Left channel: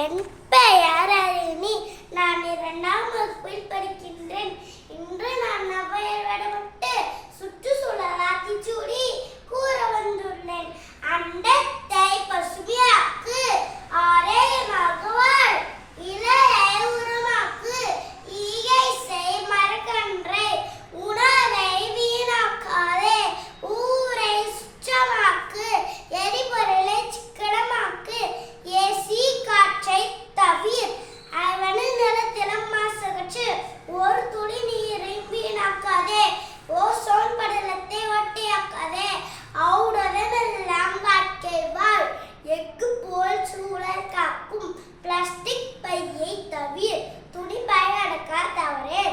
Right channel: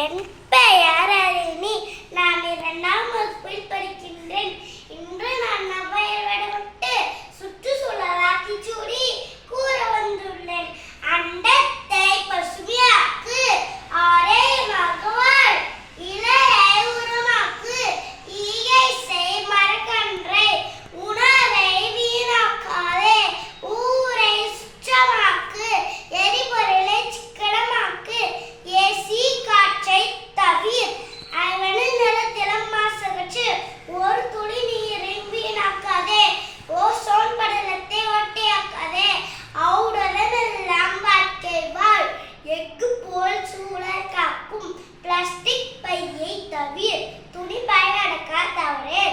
என் பெயர் அருணி. நான் 2ஆம் வகுப்பில் படிக்கின்றேன். இன்று நான் நவ்வையர் வேடமிட்டு சுற்றுச்சூழல் ஆத்திச்சூடி கூற வந்துள்ளேன். அண்டத்தை பசுமையாக்கு, ஆரோக்கியமாக வாழ், இலையை உரமாக்கு, ஈகை செய் மரக்கன்றை, உணவை வீணாக்காதே, ஊரை சுற்றமாக்கு, எரிபொருளை சிக்கனமாக்கு, ஏசி காற்றை தவிர், அவனின் நிலத்திலும் மாசகற்று, ஒரு துளி நீரை வீணாக்காதே, ஓசோன் படலத்தை ஒட்டியாக்காதே, அவுடன் எல்லாம் வாழ்க்கை வாழ், எஃகு போல் சூழல் காக்கும், பிளாஸ்டிக் பையை தவிர், துணி பயனடக்க தவறே,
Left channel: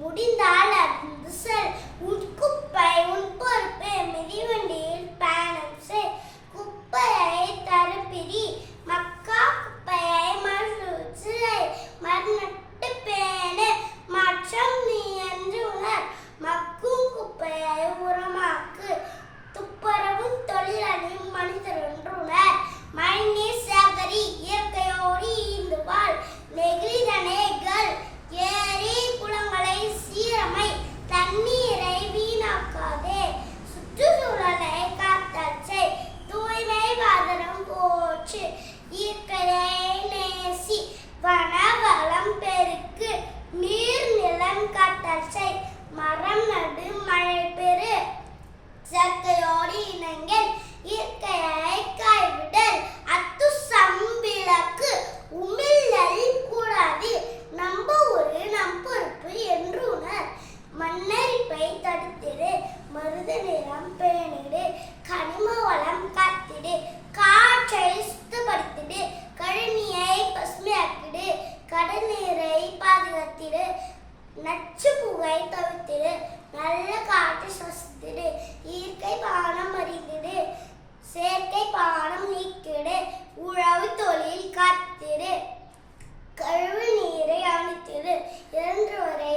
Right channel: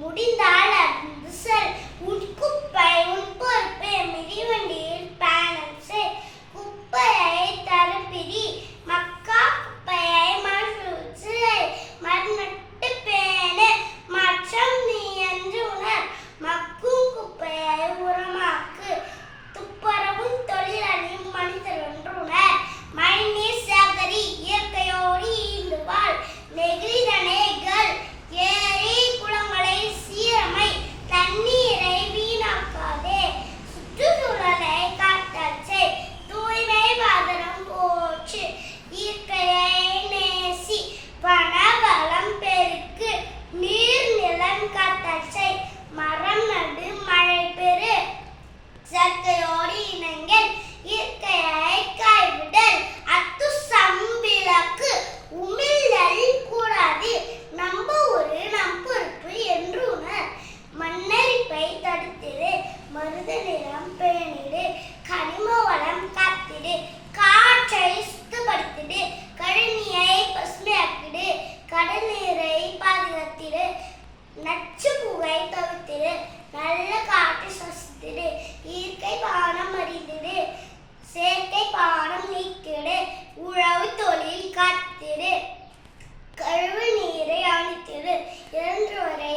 முடிந்தால் அருந்து செல், உன் குப்பை உன் பொறுப்பு, மிதிவண்டியில் பயணம் செய், குப்பையை தரப்பிரி, மக்கா குப்பையை மறுநட்டு பேணு, மாற்றம் நீ என்று உணர், மக்கும் குப்பையை உரமாக்கு, துப்புரவும் தொழிலாளியும் மனிதர் என்று உணர், மழைநீர் சேகரி, இயற்கையோடு ஈண்டு வாழ், நெகிழிதனைகள், ஏரி குளங்களை சீரமை, தண்ணீரை வீணாக்காதே, சுற்றுச்சூழலை காத்தல் செய், தூய்மை பாதரம் போற்று, இயற்கையை நேசி, வனவளம் பெருக்கு, நீர் நிலம் காத்தல் செய், மரம் நடு, மழை பெறு, செயற்கையோடு இணங்கல், இயற்கையை கைவிடல், அத்து சம்பிளக்கு, உமிழல் கூடாது, நம்ப ஒரு நம் பொறுப்பு என்று உணர், மண்ணரிப்பை தடுத்திடு, மருத நிலம் பேணிடு, கனிம வளம் காத்திடு, காற்றை சுத்தப்படுத்திடு, கழனியை பசுமையாக்கிடு, கடல் நீரை பாதுகாத்திடு, நச்சு புகை தவிர்த்திடு, நல்ல காற்றை சுவாசித்திடு, இயற்கை பானம் அறிந்திடு, செயற்கை பானம் நீக்கிடு, உழவு தொழில் காத்திடு, கழிவு நீரை அழித்திடு, இறந்தவரை